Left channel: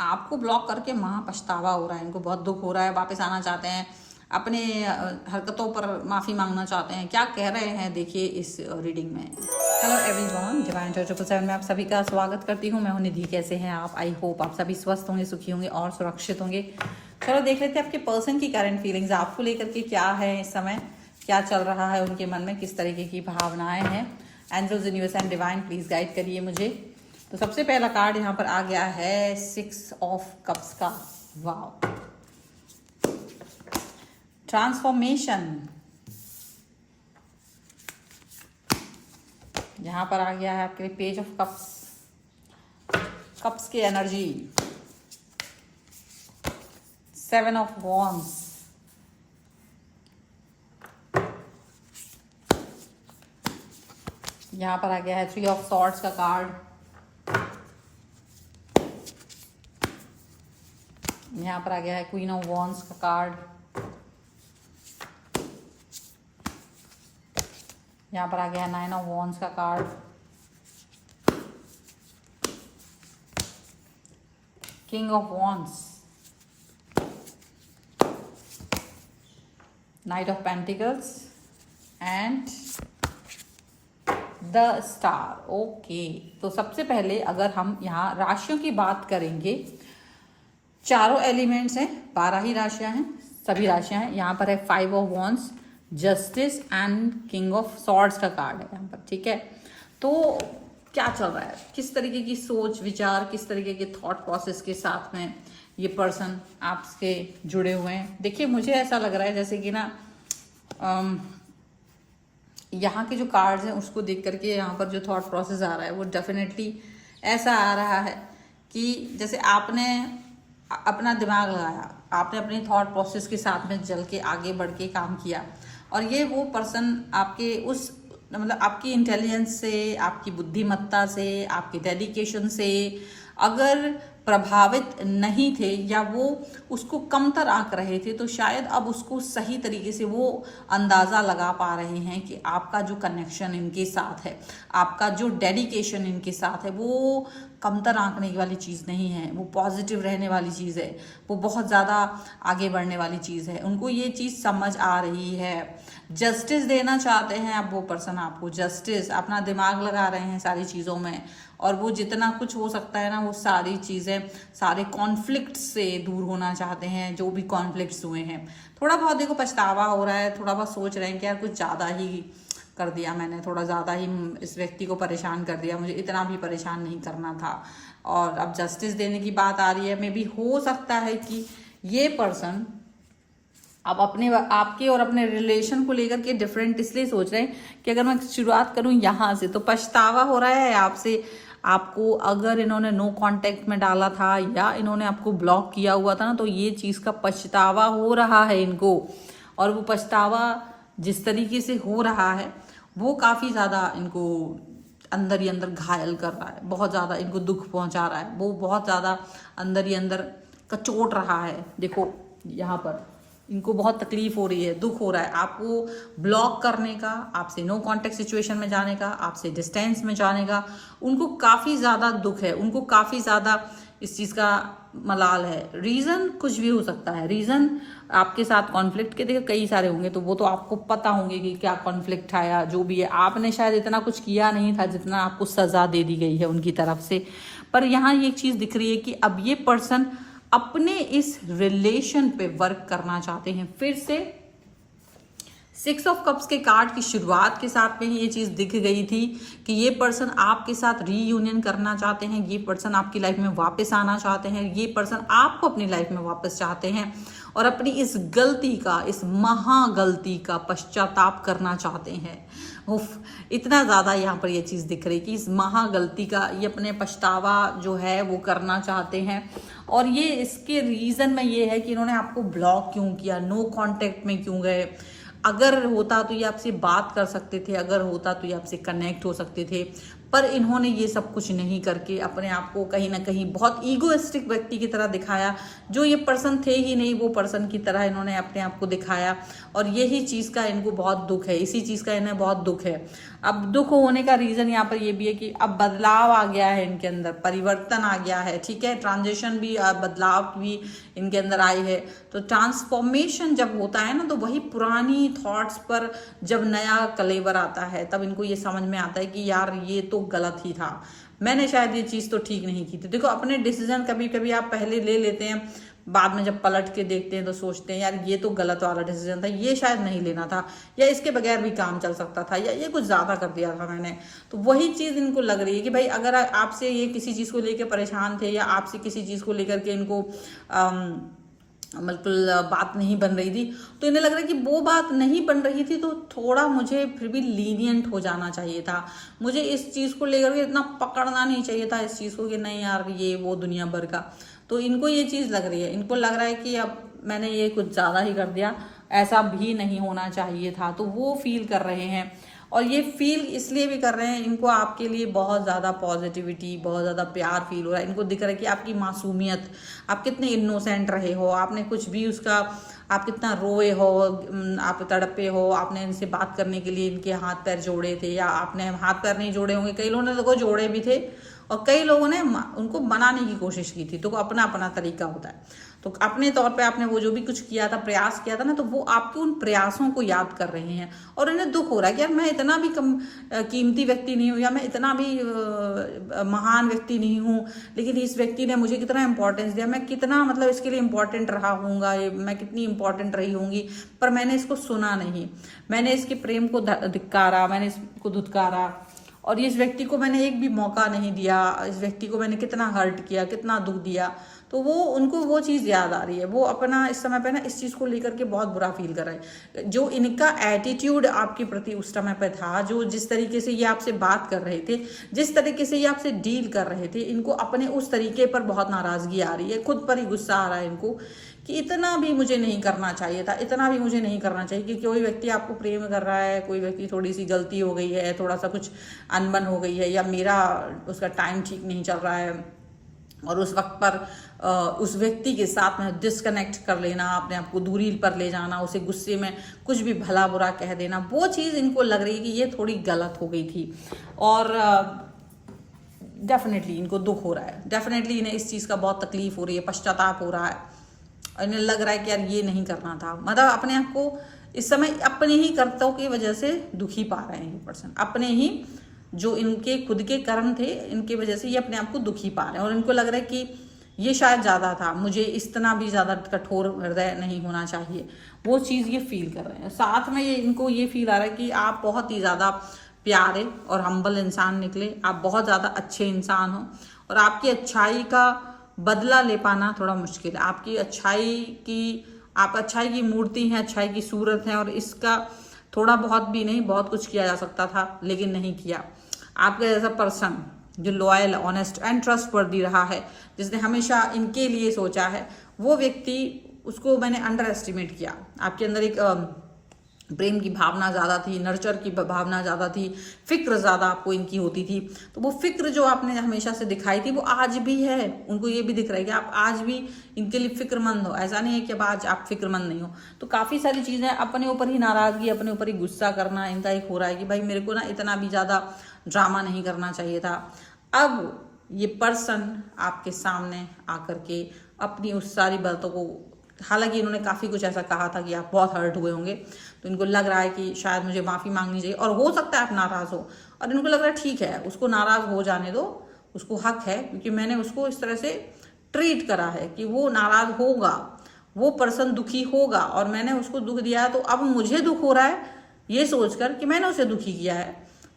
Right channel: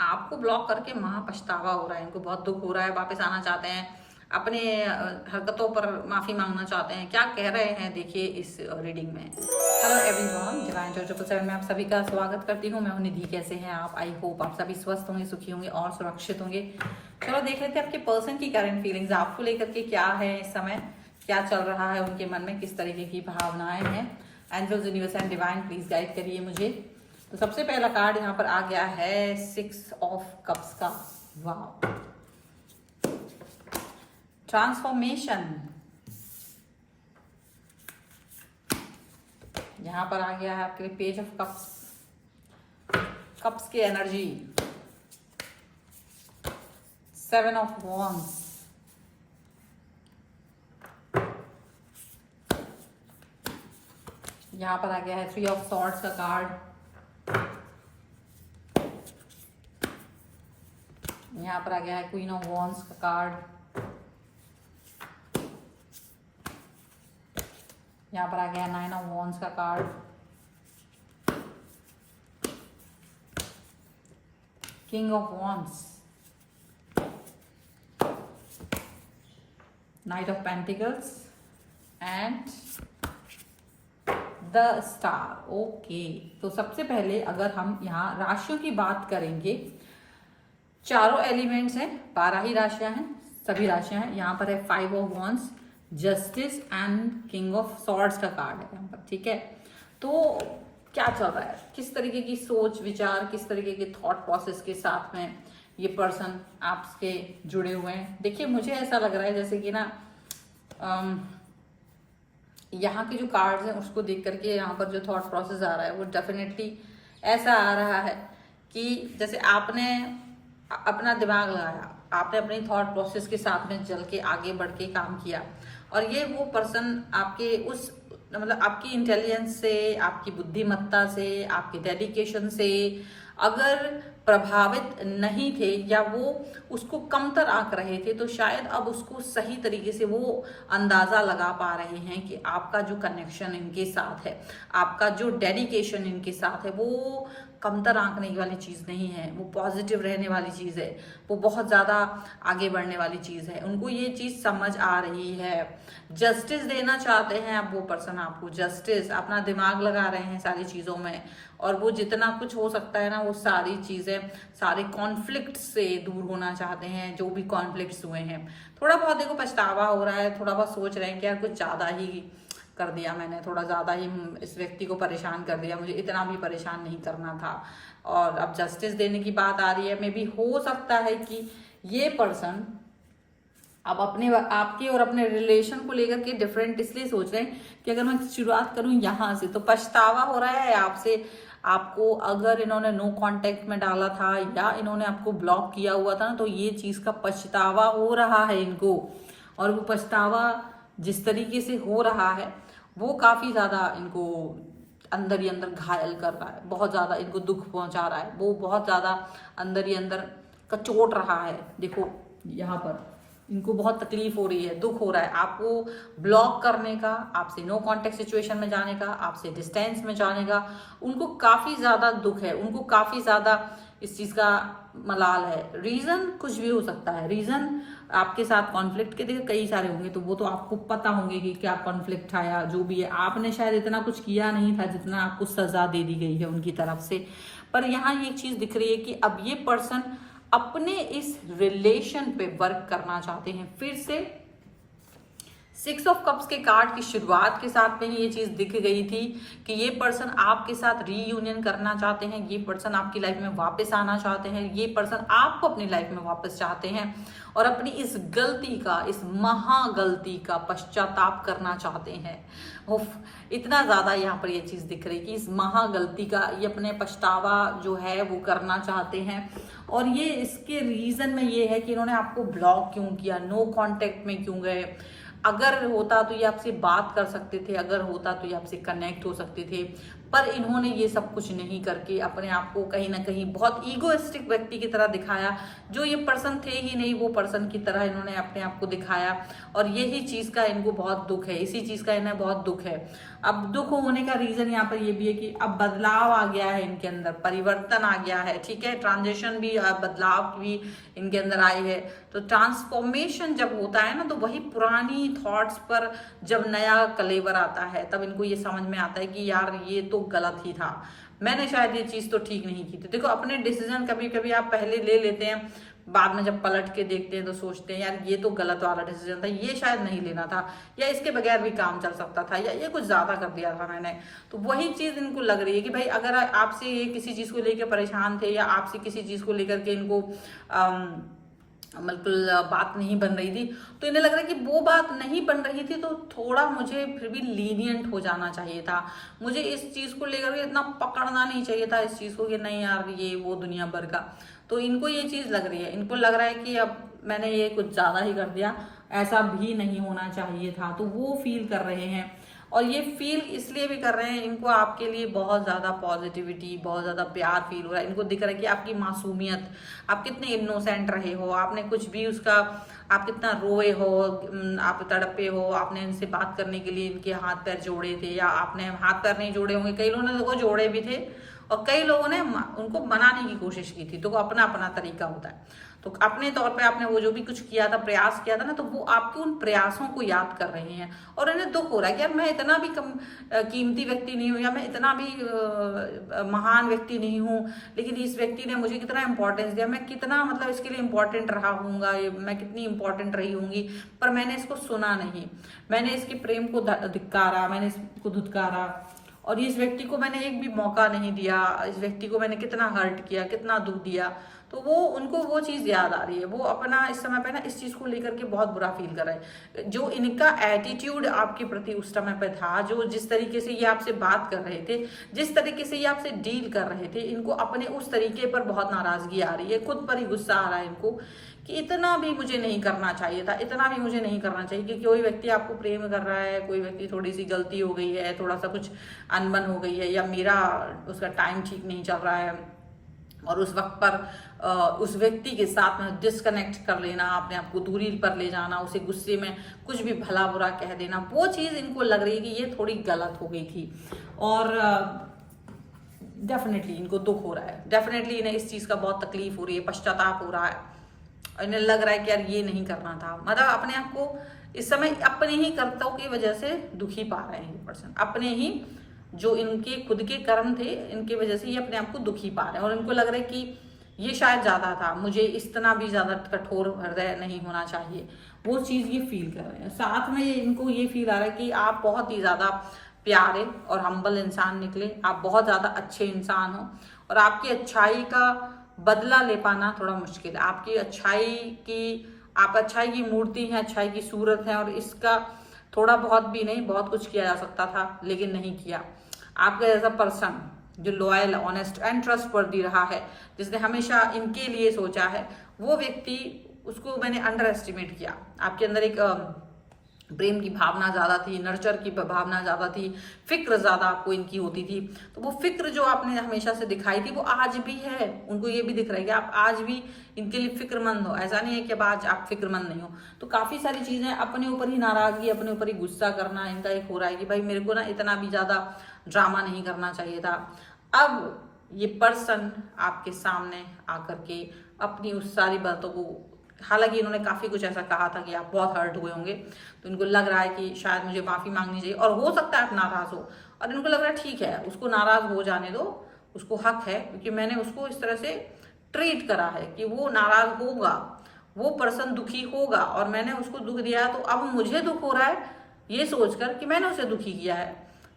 आपको ब्लॉक करके महा पछतावा हो रहा है, इनको बहुत दुख हो रहा है, वापस आना चाहते हैं, अपने हरकतों पर माफ़ी मांगना चाहते हैं। क्या कह रहे हैं देखिए इस रीडिंग में। हेलो एवरीवन, डिवाइन चर्चा में आप सभी का स्वागत करती हूँ। मैं हूँ निधि। कैसे हैं आप? आई होप आप सभी स्वस्थ होंगे, सुखी होंगे और सुरक्षित होंगे। चलो देख लेते हैं आपके पर्सन की करंट फीलिंग्स आपको लेकर के क्या है इस समय, क्या चल रहा है उनके मन में, किस तरीके की भावनाएं हैं। Angels, universe and divine please guide करिए मुझे। तो सबसे पहला कार्ड यहाँ पर आ गया है 6 ऑफ कप्स का। वाह, ट्रांसफॉर्मेशन। यहाँ पर आ गया है आपके पेज ऑफ कप्स, कप्स की एनर्जी, 7 ऑफ वॉन्ड्स, यहाँ पर आ गया है 3 ऑफ सॉर्ड्स का कार्ड, यहाँ पर आ गया है क्वीन ऑफ वॉन्ड्स का कार्ड, यहाँ पर आ गया है 9 ऑफ वॉन्ड्स का card, king of wands, night of pentacles and the star. Okay, तो सबसे पहले अगर हम यहाँ राशियों की बात करेंगे, चारों एलिमेंट्स हैं, 12 ही राशियां हैं, सभी राशियां हैं। यहाँ पर है 5 of wands, justice and king of swords का कार्ड है यहाँ पर। ठीक है, तो क्या चल रहा है, किस तरीके की सोच विचार, किस तरीके के थॉट प्रोसेस के साथ में ये पर्सन आपसे जुड़े हुए हैं। देखिए, मुझे ऐसा लग रहा है जैसे कि ना यहाँ के जो कार्ड्स हैं उसको देख करके यहाँ पर जो थॉट प्रोसेस आ रहा है वो डेफिनेटली ऐसा आ रहा है कि जैसे आपने अपना दिमाग लगाया, आपने अपने थॉट प्रोसेस के साथ में चल के आगे बढ़ के काम किया, और ये वो पर्सन आपके उस मतलब आपकी इंटेलिजेंस से, आपकी बुद्धिमत्ता से, आपकी डेडिकेशन से अगर प्रभावित नहीं थे या वो उसको कमतर आंक रहे थे, तो शायद अब उसको सही तरीके से वो अंदाज़ा लगा पा रहे हैं कि आपका जो कनेक्शन इनके साथ है, आपका जो डेडिकेशन इनके साथ है, वो कमतर आंकने वाली चीज़ नहीं है, वो पॉजिटिव रहने वाली चीज़ है, वो बहुत ज़्यादा आगे बढ़ने वाली चीज़ है। उनको ये चीज़ समझ आ रही है। जस्टिस देना चाहते हैं अब वो पर्सन आपको, जस्टिस, अपना दिमाग लगा रहे हैं सारी चीज़ों में, और वो जितना कुछ हो सकता है ना वो सारी चीज़ें, सारे कॉन्फ्लिक्ट से दूर होना चाहते हैं। जो भी कॉन्फ्लिक्ट्स हुए हैं, थोड़ा बहुत देखो पछतावा हो रहा है, थोड़ा बहुत सोच रहे हैं कि यार कुछ ज़्यादा ही कर दिया मैंने, थोड़ा ज़्यादा ही इस व्यक्ति को परेशान कर दिया, मुझे इतना भी परेशान नहीं करना था। और अब जस्टिस देने की बात आ रही है। मे भी हो सकता है कि ये पर्सन अब अपने आपके और अपने रिलेशन को लेकर के डिफरेंट इसलिए सोच रहे हैं कि अगर मैं शुरुआत करूं यहाँ से, तो पछतावा हो रहा है आपसे, आपको अगर इन्होंने नो कांटेक्ट में डाला था या इन्होंने आपको ब्लॉक किया हुआ था ना, तो ये चीज़ का पछतावा हो रहा है इनको। और वो पछतावा जिस तरीके से हो रहा है वो काफ़ी ज़्यादा इनको अंदर ही अंदर घायल कर रहा है, बहुत ज़्यादा इनको दुख पहुंचा रहा है, वो बहुत ज़्यादा अंदर ही अंदर कचोट रहा है। देखो यहाँ पर इनको बहुत तकलीफ हो रही है, दुख हो रहा है आपको ब्लॉक करने का, आपसे नो कांटेक्ट सिचुएशन में जाने का, आपसे डिस्टेंस में जाने का। उनको काफ़ी ज़्यादा दुख है, उनको काफ़ी ज़्यादा इस चीज़ का मलाल है। रीज़न कुछ भी हो सकता है, रीज़न आपके साथ कॉन्फ्लिक्ट के देखो कई सारे होंगे, तो वो तो आपको पता होंगे कि क्या कॉन्फ्लिक्ट आया, जो भी है। आपने शायद इतना कुछ किया नहीं था जितना आपको सज़ा दे दी गई है उनकी तरफ से। पर यहाँ ये चीज़ दिख रही है कि अब ये पर्सन अपने इस रिलेशन पे वर्क करना चाहते हैं फिर से। 6 ऑफ कप्स के कार्ड की शुरुआत के साथ में ही ये चीज़ दिख गई थी कि ये पर्सन आपके साथ रीयूनियन करना चाहते हैं, ये पर्सन आपकी लाइफ में वापस आना चाहते हैं, ये पर्सन आपको अपनी लाइफ में वापस चाहते हैं और अपनी इस गलती का, इस महागलती का पश्चाताप करना चाहते हैं। इतना ज़्यादा यहाँ पर ये चीज़ दिख रही कि इस महागलती का ये अपने पछतावा जो है वो करना चाहते हैं। और ये इसके रीज़न में ये है कि इन्होंने आपको ब्लॉक क्यों किया, नो कांटेक्ट में क्यों गए। अगर होता तो ये आपसे बात कर सकते थे, अगर होता तो ये आपसे कनेक्ट हो सकते थे, पर इन्होंने ये सब कुछ नहीं करके अपने आप को कहीं ना कहीं बहुत ईगोइस्टिक व्यक्ति की तरह दिखाया। जो ये पर्सन थे ही नहीं, वो पर्सन की तरह इन्होंने अपने आप को दिखाया, और यही चीज़ का इनको बहुत दुख है, इसी चीज़ का इन्हें बहुत दुख है। अब दुख होने का रीजन यहाँ पर ये भी है कि अब बदलाव आ गया है इनके अंदर, परिवर्तन आ गया है, ठीक है, ट्रांजिशन भी, बदलाव भी इनके अंदर आई है। तो ट्रांसफॉर्मेशन जब होता है ना, तो वही पुरानी थॉट्स पर जब नया कलेवर आता है, तब इनको ये समझ में आता है कि यार ये तो गलत ही था, मैंने शायद ये चीज तो ठीक नहीं की थी। देखो अपने डिसीजन कभी कभी आप पहले ले लेते हैं, बाद में जब पलट के देखते हैं तो सोचते हैं यार ये तो गलत वाला डिसीजन था, ये शायद नहीं लेना था, या इसके बगैर भी काम चल सकता था, या ये कुछ ज्यादा कर दिया था मैंने। तो वही चीज इनको लग रही है कि भाई अगर आपसे ये किसी चीज को लेकर परेशान थे, या आपसे किसी चीज को लेकर के इनको बिल्कुल बात नहीं बन रही थी, तो इन्हें लग रहा है कि वो बात नहीं बन रही थी तो थोड़ा मुझे फिर भी लीनियंट हो जाना चाहिए था, मुझे इस चीज को लेकर के इतना पकड़ना नहीं चाहिए था इस चीज को कि नहीं यार ये वो दुनिया भर का। तो इनको ये चीज लग रही है, इनको लग रहा है कि अब मैंने ये कुछ ज्यादा ही कर दिया, ऐसा भी नहीं होना चाहिए था, तो वो फील कर रहे हैं। और ये फील इसलिए भी कर रहे हैं, इनको आपके लिए बहुत ज़्यादा पॉजिटिविटी, बहुत ज़्यादा प्यार फील हो रहा है, इनको दिख रहा है कि आपकी मासूमियत, आप कितने इनोसेंट रहे हो, आपने कुछ भी उसका, आप कितना रोए हो, आप तड़पे हो, आपने इनसे बात करने के लिए इनके हाथ पैर जोड़े थे, या आपने हाथ पैर नहीं जोड़े होंगे, कई लोगों ने देखो जोड़े भी थे, और कई लोगों ने उनको बनाने की कोशिश की थी। तो अपना अपना तरीका होता है। तो अपने तौर पे आपने वो जो भी कुछ किया था, प्रयास किया था ना, तो वो आपके उन प्रयासों को याद कर रहे हैं, और उन्हें दुख हो रहा है कि यार मैं इतना भी कीमती व्यक्ति नहीं हूँ, या मैं इतना भी महान व्यक्ति नहीं हूँ, लेकिन इस व्यक्ति ने मुझे कितना इंपॉर्टेंस दिया, मैं कितना मतलब इसके लिए इंपॉर्टेंट रहा हूँगा, मैं कितनी इंपॉर्टेंट रही होंगी, पर मैंने इसको सुना नहीं, मैंने इसके प्रेम को धिक्कारा, मैंने इसको धुतकारा, और इस व्यक्ति को मैंने एक भी मौका नहीं दिया, इस व्यक्ति को मैंने कितना हर्ट किया, कितना दुख दिया। तो वो उनको वो चीज़ याद आ रही है, वो अपना इस समय पे ना इस चीज़ को लेकर के बहुत बुरा फील कर रहा है। जो इनका एटीट्यूड आपके प्रति उस समय पे था, जो जिस तरीके से ये आपसे बात कर रहे थे, जिस तरीके से ये आपसे डील कर रहे थे, इनको अपने उस तरीके पर बहुत नाराजगी आ रही है, खुद पर ही गुस्सा आ रहा है इनको कि इतना भी मुझे नहीं करना चाहिए था, इतना भी मुझे नहीं करना चाहिए। कि कोई व्यक्ति आपको प्रेम कर रहा है, कोई व्यक्ति थोड़ी सी गलती हो गई है, थोड़ा सा कुछ अनबन हो गई है, या मेरा उसका टाइम ठीक नहीं चल रहा है, और उस वक्त पर उस व्यक्ति के साथ में डिस्कनेक्ट कर लेना, अपने आप को दूरी पर ले जाना, उसे गुस्से में कुछ भी भला बुरा कह देना, वो चीज़ इनको लग रही है कि ये थोड़ी गलत हो गई थी। और डेफिनेटली इनको दुख हो रहा है, डेफिनेटली इन्हें इस चीज़ का बहुत तकलीफ हो रही है, पश्चाताप हो रहा है, और इन्हें लग रहा है कि यार ये नहीं करना था। मतलब अपने आप को इस समय अपने ही कर्तव्यों की वजह से दुखी पा रहे हैं ये पर्सन, अपने ही जो इनके खुद के कर्म थे इनकी वजह से ये अपने आप को दुखी पा रहे हैं, और इनको लग रहा है कि ये शायद ज़्यादा था, मुझे इतना भी ज़्यादा कठोर हृदय नहीं होना चाहिए, वो चीज़ ये फील कर रहे हैं। साथ में ये इनको ये फील आ रहा है कि आप बहुत ही ज़्यादा प्यारे और हम्बल इंसान निकले, आप बहुत ज़्यादा अच्छे इंसान हो, और आपकी अच्छाई का बदला ले पाना थोड़ा मुश्किल है। आपकी अच्छाई की, आप अच्छाई की मूर्ति हैं, अच्छाई की सूरत हैं, और इसका थोड़ा बहुत भी नहीं, बहुत कुछ किया जा सकता था लेकिन नहीं किया। आपका जैसा पर्सन जो लॉयल, ऑनेस्ट एंड ट्रस्टवर्दी रहा है, जिसने हमेशा इनके लिए सोचा है, वो व्यक्ति, उसको मैंने अंडर एस्टिमेट किया। आपके अंदर एक प्रेम की भावना ज़्यादा थी, नर्चर की भावना ज़्यादा थी, फिक्र ज़्यादा आपको इनकी होती थी। तो वो फिक्र जो आपने हमेशा से दिखाई थी वो आज भी है, उनको ये भी दिख रहा है कि आप आज भी इनके लिए फिक्रमंद हो, ऐसा नहीं है कि अब आज आप फिक्रमंद नहीं हो। तो काफ़ी सारी चीज़ें, अपने ऊपर ही नाराज़गी, अपने ऊपर ही गुस्सा करना इनका एक हो रहा है कि भाई मेरे को ना इतना भी ज़्यादा ड्रामा नहीं करना चाहिए था। अब ये पर्सन आपके सामने आकर के अपनी उस सारी बातों को, हालांकि इन्होंने काफ़ी कुछ ऐसा कहा था कि आप बहुत हर्ट हुए होंगे, तो इनको लग रहा है कि शायद मुझे माफ़ी मांगनी चाहिए, और हो सकता है आप नाराज़ हो, और इनको लग रहा है ठीक है उसको नाराज़ हो जाने दो, उसको हक है, क्योंकि मैंने उसको इस तरह से ट्रीट करा है कि वो नाराज़ होगा, वो पर्सन दुखी होगा, और मैंने उसको दुख दिया है, तो अब मुझे दुख हो रहा है ये सोचकर कि मैंने उसे दुखी किया है।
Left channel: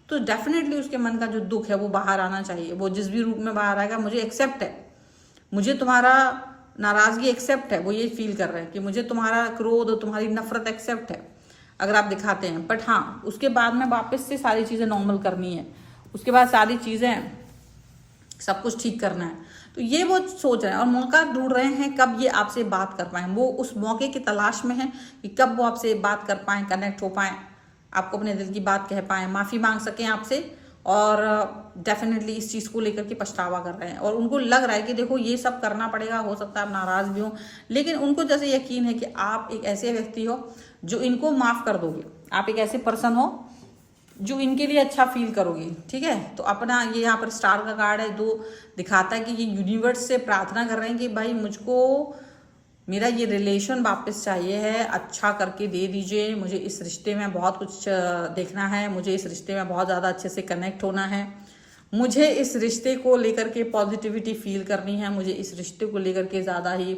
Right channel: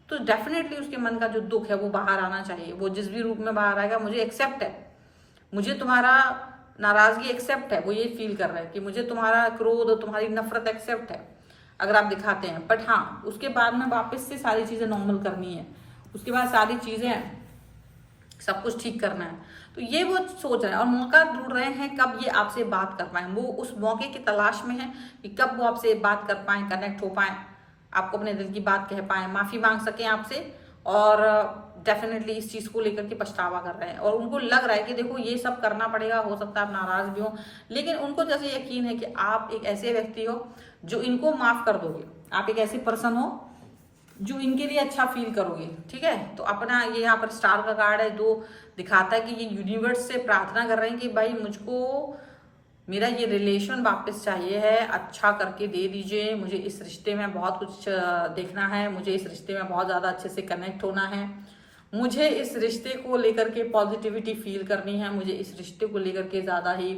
तो डेफिनेटली उसके मन का जो दुख है वो बाहर आना चाहिए, वो जिस भी रूप में बाहर आएगा, मुझे एक्सेप्ट है, मुझे तुम्हारा नाराजगी एक्सेप्ट है, वो ये फील कर रहे हैं कि मुझे तुम्हारा क्रोध और तुम्हारी नफरत एक्सेप्ट है अगर आप दिखाते हैं, बट हाँ उसके बाद में वापस से सारी चीज़ें नॉर्मल करनी है, उसके बाद सारी चीज़ें सब कुछ ठीक करना है। तो ये वो सोच रहे हैं और मौका ढूंढ रहे हैं कब ये आपसे बात कर पाएं, वो उस मौके की तलाश में है कि कब वो आपसे बात कर पाएं, कनेक्ट हो पाएं, आपको अपने दिल की बात कह पाएं, माफ़ी मांग सकें आपसे, और डेफिनेटली इस चीज़ को लेकर के पछतावा कर रहे हैं। और उनको लग रहा है कि देखो ये सब करना पड़ेगा, हो सकता है आप नाराज़ भी हो, लेकिन उनको जैसे यकीन है कि आप एक ऐसे व्यक्ति हो जो इनको माफ़ कर दोगे, आप एक ऐसे पर्सन हो जो इनके लिए अच्छा फील करोगे, ठीक है। तो अपना ये यहाँ पर स्टार का कार्ड है, 2 दिखाता है कि ये यूनिवर्स से प्रार्थना कर रहे हैं कि भाई मुझको मेरा ये रिलेशन वापस चाहिए है, अच्छा करके दे दीजिए, मुझे इस रिश्ते में बहुत कुछ देखना है, मुझे इस रिश्ते में बहुत ज़्यादा अच्छे से कनेक्ट होना है, मुझे इस रिश्ते को लेकर के पॉजिटिविटी फील करनी है, मुझे इस रिश्ते को लेकर के ज़्यादा ही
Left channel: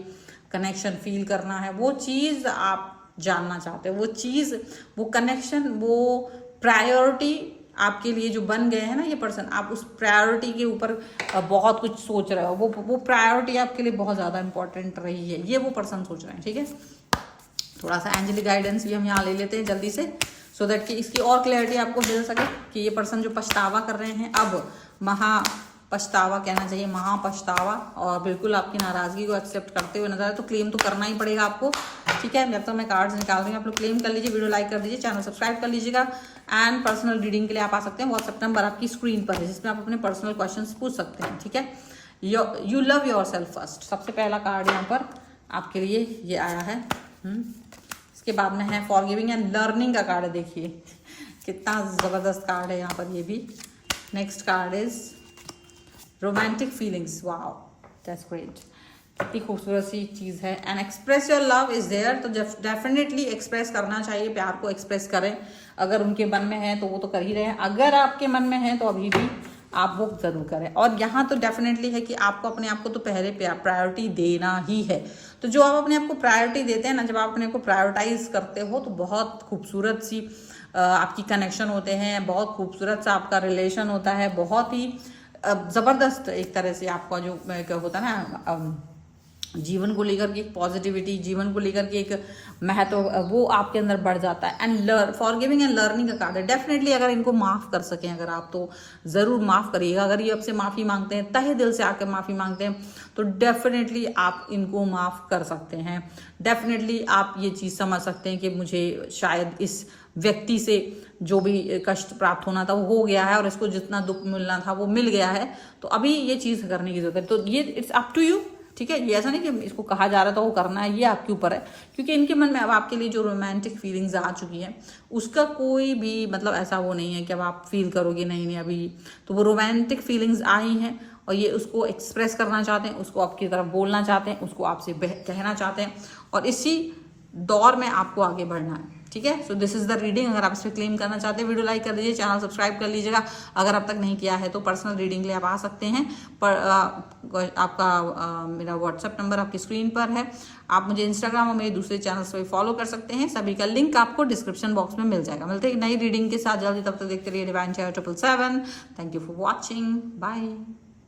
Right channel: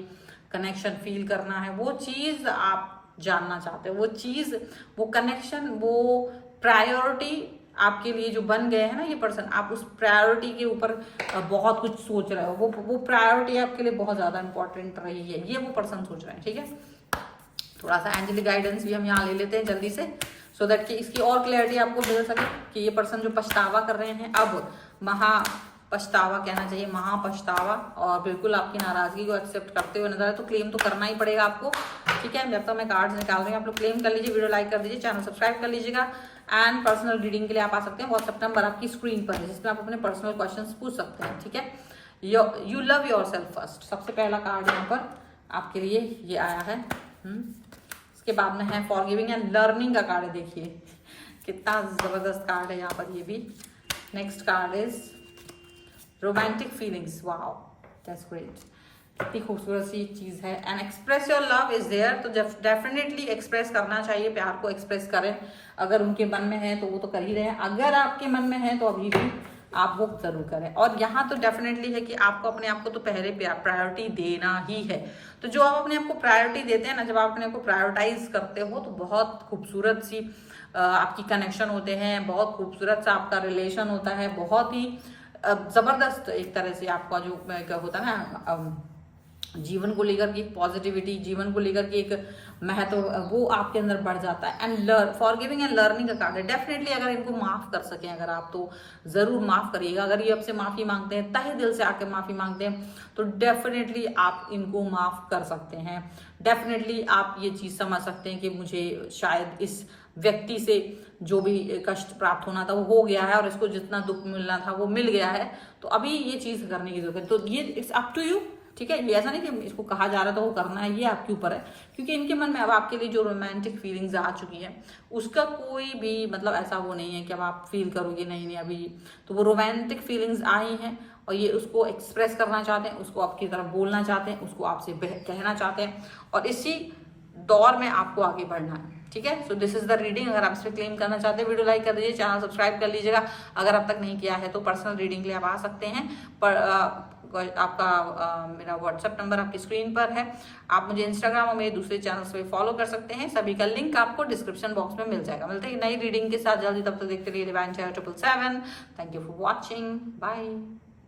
कनेक्शन फील करना है। वो चीज़ आप जानना चाहते हैं, वो चीज़, वो कनेक्शन, वो प्रायोरिटी आपके लिए जो बन गए हैं ना ये पर्सन, आप उस प्रायोरिटी के ऊपर बहुत कुछ सोच रहे हो, वो प्रायोरिटी आपके लिए बहुत ज़्यादा इंपॉर्टेंट रही है, ये वो पर्सन सोच रहे हैं, ठीक है। थोड़ा सा एंजलिक गाइडेंस भी हम यहाँ ले लेते हैं जल्दी से, सो दैट कि इसकी और क्लैरिटी आपको मिल सके कि ये पर्सन जो पछतावा कर रहे हैं, अब महा पछतावा कहना चाहिए, महापछतावा, और बिल्कुल आपकी नाराजगी को एक्सेप्ट करते हुए नजर आए, तो क्लेम तो करना ही पड़ेगा आपको, ठीक है। जब तक मैं कार्ड्स निकाल दूंगी आप लोग क्लेम कर लीजिए, वीडियो लाइक कर दीजिए, चैनल सब्सक्राइब कर लीजिएगा। एंड पर्सनल रीडिंग के लिए आप आ सकते हैं, व्हाट्सएप नंबर आपकी स्क्रीन पर है, जिसमें आप अपने पर्सनल क्वेश्चंस पूछ सकते हैं, ठीक है। You love your self first, सबसे पहला कार्ड यहाँ पर आपके लिए ये आया है। इसके बाद में है फॉरगिविंग एंड लर्निंग का कार्ड है, देखिए कितना जबरदस्त कार्ड है यहाँ पर ये भी। Next card is romantic feelings, wow that's great, कितनी खूबसूरत सी चीज़ है। And express your love is there, तो डेफिनेटली एक्सप्रेस करना चाहिए, प्यार को एक्सप्रेस करें, अगर उनके मन में है तो वो तो कर ही रहे हैं, अगर आपके मन में है तो अभी भी आप वो जरूर करें। और यहाँ तो डेफिनेटली है कि आपको अपने आप को तो पहले प्रायोरिटी देना ही है। तो जो आप अपने आप को प्रायोरिटी देते हैं ना, जब आप अपने आप को प्रायोरिटाइज करते हो तो बहुत खूबसूरत सी आपकी कनेक्शन होते हैं, बहुत खूबसूरत सा आपका रिलेशन होता है, बहुत ही ज़बरदस्त एक तरह से आपका जो क्या होता है ना, जीवन को लेकर के एक पॉजिटिविटी, जीवन को लेकर के एक महत्व, वो आपके अंदर बढ़ जाता है। एंड फॉरगिविंग एंड लर्निंग का कार्ड है, डेफिनेटली अगर इनको माफ़ कर सकें अगर आप, तो ज़रूर माफ़ करिएगा। अगर ये आपसे माफ़ी मांगते हैं, तहे दिल से आकर माफ़ी मांगते हैं, तो डेफिनेटली आप इनको माफ़ कर सकते हैं। डेफिनेटली आप ये चीज़ समझ सकते हैं कि मुझे शायद इस व्यक्ति से जो भी कष्ट प्राप्त होना था वो हो गया है, और इसको जितना दुख मिलना था वो मिल गया है, तो अभी ये चीज़ करने की जरूरत है। तो ये इट्स अप टू यू, ठीक है। ये ऐसा नहीं कि इसको कहा जा रहा था वो करना है, ये आपके ऊपर है, क्योंकि इनके मन में अब आपके लिए जो रोमांटिक फीलिंग्स आ चुकी हैं उसका कोई भी मतलब ऐसा वो नहीं है कि अब आप फील करोगे नहीं अभी, तो वो रोमांटिक फीलिंग्स आई हैं और ये उसको एक्सप्रेस करना चाहते हैं, उसको आपकी तरफ बोलना चाहते हैं, उसको आपसे कहना चाहते हैं, और इसी दौर में आपको आगे बढ़ना है, ठीक है। So this is the reading. अगर आप इसमें क्लेम करना चाहते हैं, वीडियो लाइक कर दीजिए, चैनल सब्सक्राइब कर लीजिएगा। अगर अब तक नहीं किया है तो पर्सनल रीडिंग के लिए आप आ सकते हैं, पर आपका मेरा व्हाट्सएप नंबर आपकी स्क्रीन पर है। आप मुझे इंस्टाग्राम और मेरे दूसरे चैनल्स पर फॉलो कर सकते हैं, सभी का लिंक आपको डिस्क्रिप्शन बॉक्स में मिल जाएगा। मिलते हैं नई रीडिंग के साथ जल्दी, तब तक देखते रहिए divine channel 777। Thank you for watching, bye.